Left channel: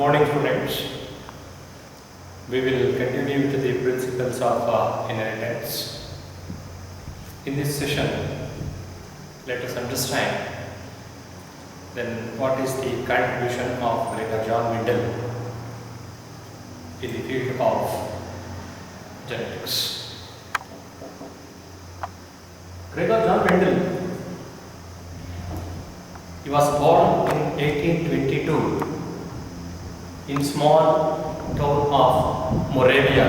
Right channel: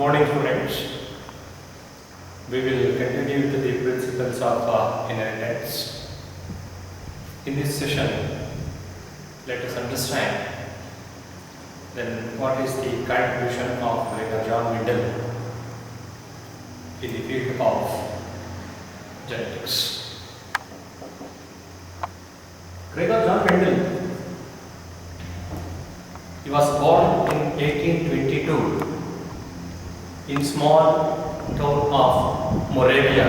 morning, students. We will continue with the principles of inheritance. In this session, let us understand then what is the contribution of Gregor John Mendel in the field of genetics. Gregor John Mendel, he was born in 1822 in small town of Moravia.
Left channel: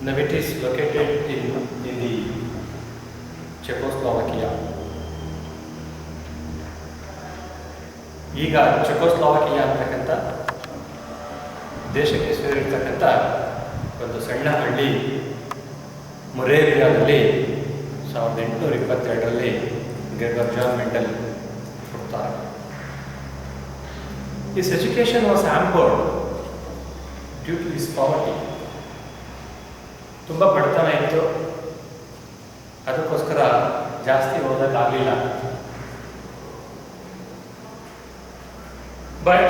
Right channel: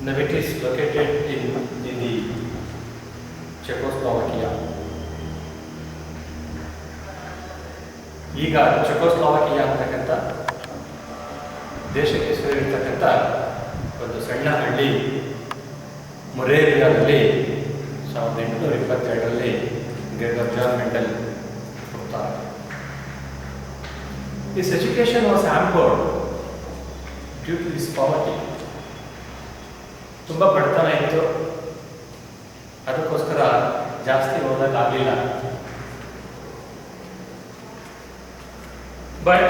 Now it is located in the Czechoslovakia. ಈಗ ಚೆಕೋಸ್ಲೋವಾಕಿಯಾ ಅಂತಕ್ಕಂಥ ದೇಶಕ್ಕೆ ಸೇರಿರ್ತಕ್ಕಂಥ ಒಂದು ಸಣ್ಣ ಹಳ್ಳಿ ಮೊರೇವಿಯಾದಲ್ಲಿ 1822ರಲ್ಲಿ Gregor Johann Mendel ಹುಟ್ಟುತ್ತಾರೆ. His education was hampered due to his poverty. ತುಂಬ ಬಡತನ ಇತ್ತು, ಅದಕ್ಕೋಸ್ಕರ ಜಾಸ್ತಿ ಓದಕ್ಕಾಗಲಿಲ್ಲ. But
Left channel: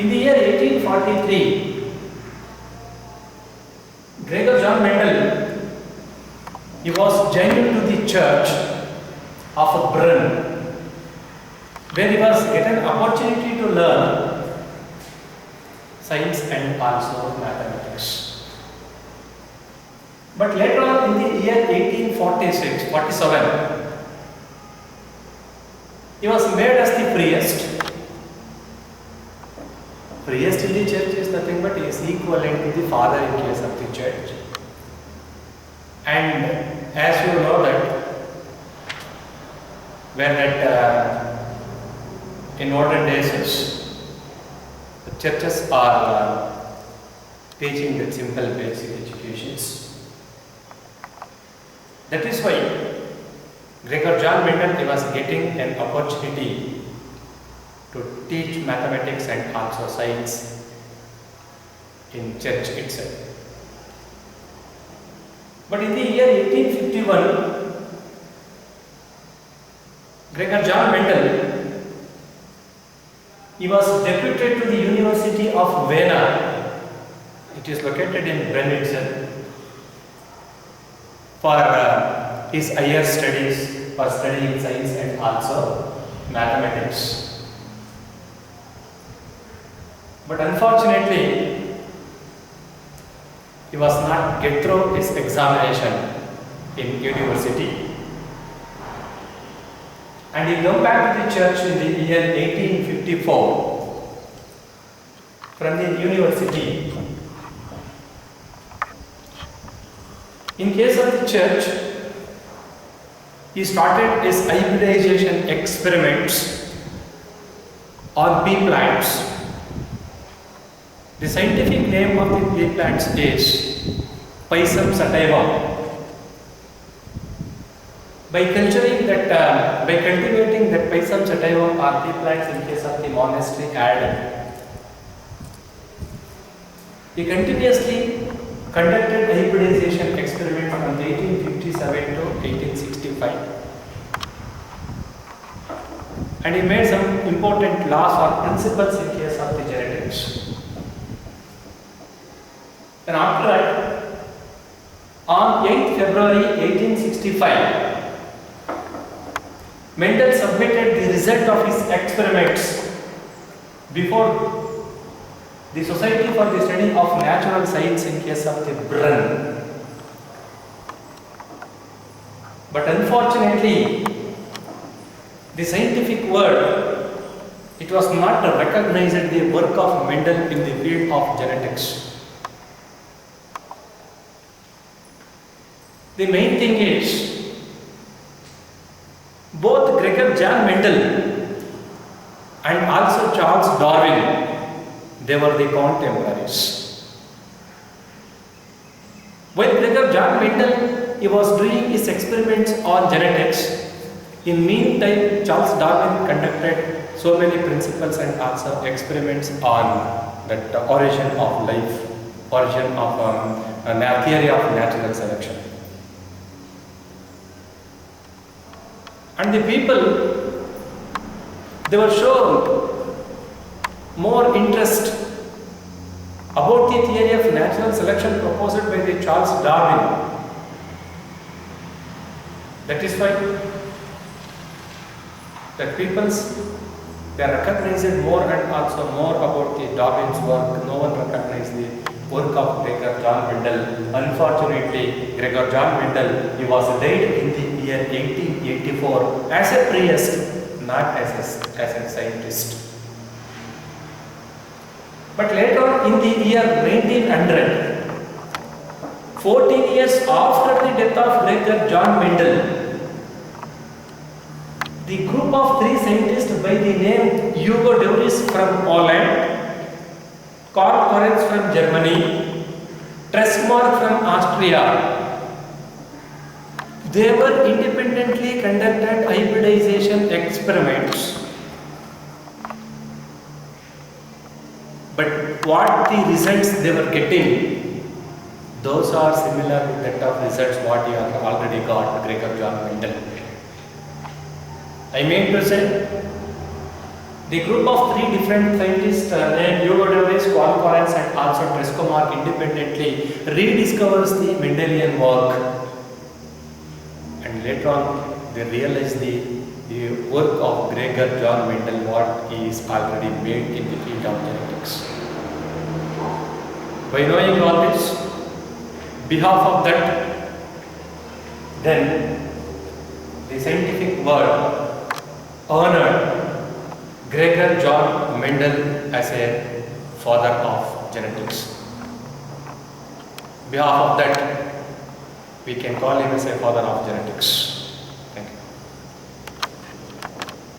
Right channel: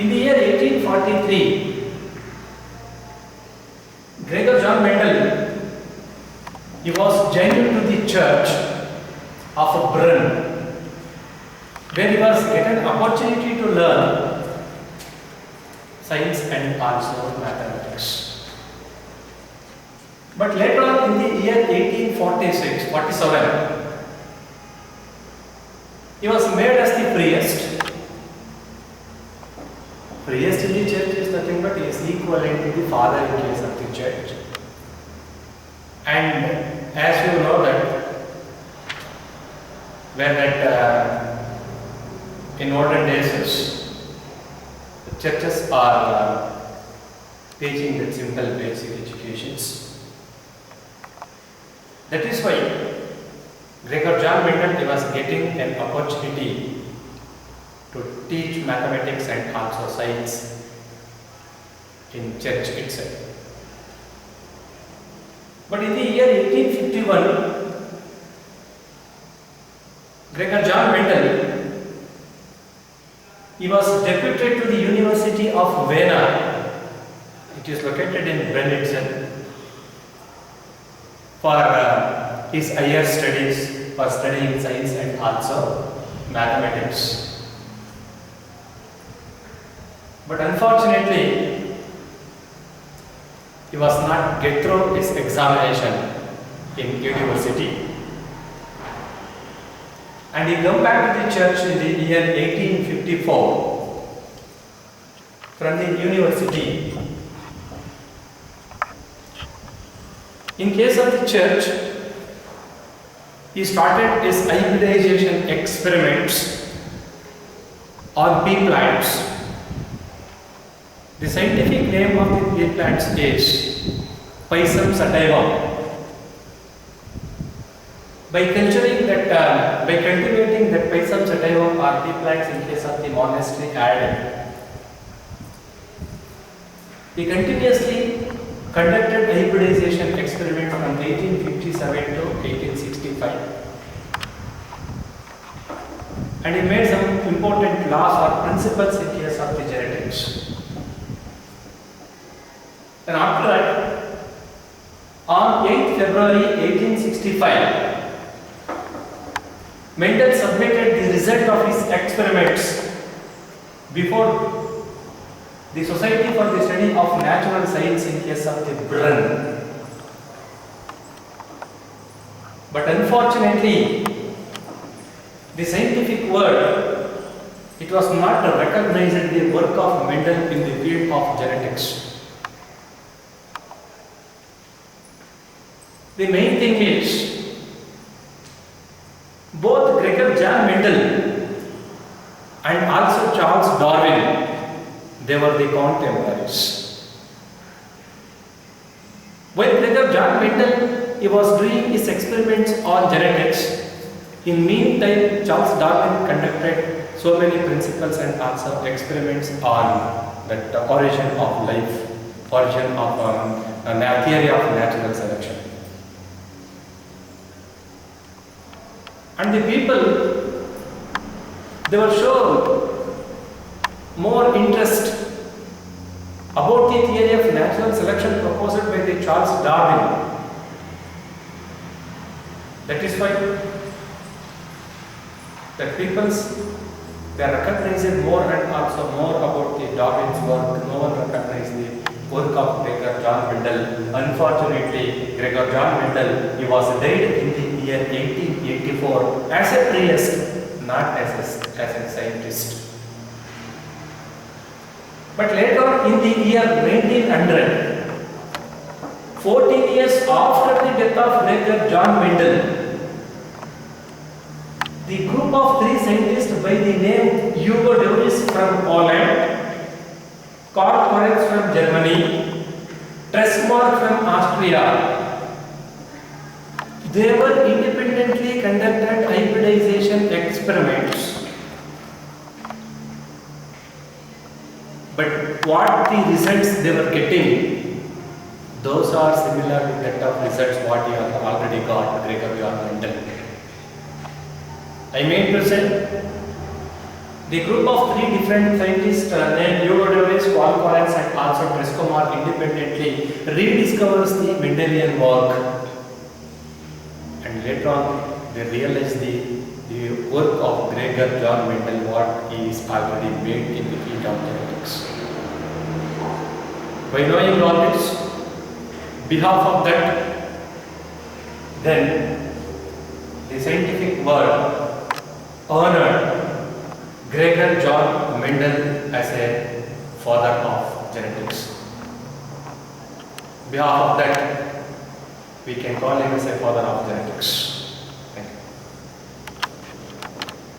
in the year 1843, Gregor John Mendel, he was joined to the church of Brunn, where he was given an opportunity to learn science and also mathematics. But later on in the year 1847, he was made as the priest. Priest in the church is nothing but he is equivalent to the father in case of the church. And as you know that when in olden days the churches are teaching the simple basic educations. That is why Gregor John Mendel was getting an opportunity to teach mathematics and also science in church itself. But in the year 1851, Gregor John Mendel, he was deputed to the University of Vienna. It is located in Brennitzel for his higher studies, for studying science and also mathematics. But unfortunately, he was not get through his examination in university. And he came back to the church in the year 1854 from the university. In case of the church, he started his hybridization experiments on pea plants. The scientific name of the pea plants is Pisum sativa. By cultivating that Pisum sativa or pea plants in case of the monastery garden, he continuously conducted hybridization experiments from 1857 to 1865. And he made some important laws or principles in case of the genetics. And after that, on 8th February 1865, Mendel submitted the result of his experiments before the Society for the Study of Natural Science in case of the Brunn. But unfortunately, the scientific world, it was not recognized the work of Mendel in the field of genetics. The main thing is, both Gregor John Mendel and also Charles Darwin, they were the contemporaries. When Gregor John Mendel he was doing his experiments on genetics, in meantime Charles Darwin conducted so many principles and also experiments on the origin of life, origin of theory of natural selection. And the people, they were shown more interest about the theory of natural selection proposed by the Charles Darwin. That is why that they recognized more and also more about the Darwin's work. No one recognized the work of Gregor John Mendel. Unfortunately, Gregor John Mendel, he was died in the year 1884 as a priest, not as a scientist. But later on in the year 1900, 14 years after the death of Gregor John Mendel, the group of 3 scientists by the name Hugo de Vries from Poland, Karl Lorenz from Germany, Tresmark from Austria, they were independently conducted hybridization experiments. But what the results they were getting, those are similar with that of results what you have already got, Gregor John Mendel. I mean to say, the group of 3 different scientists named Hugo de Vries, Karl Lorenz and also Tresmark independently rediscovers the Mendelian work, and later on they realize the work of Gregor John Mendel, what he is already made in the field of genetics. By knowing all this, behalf of that, then the scientific world honored Gregor John Mendel as a father of genetics. Behalf of that, we can call him as a father of genetics.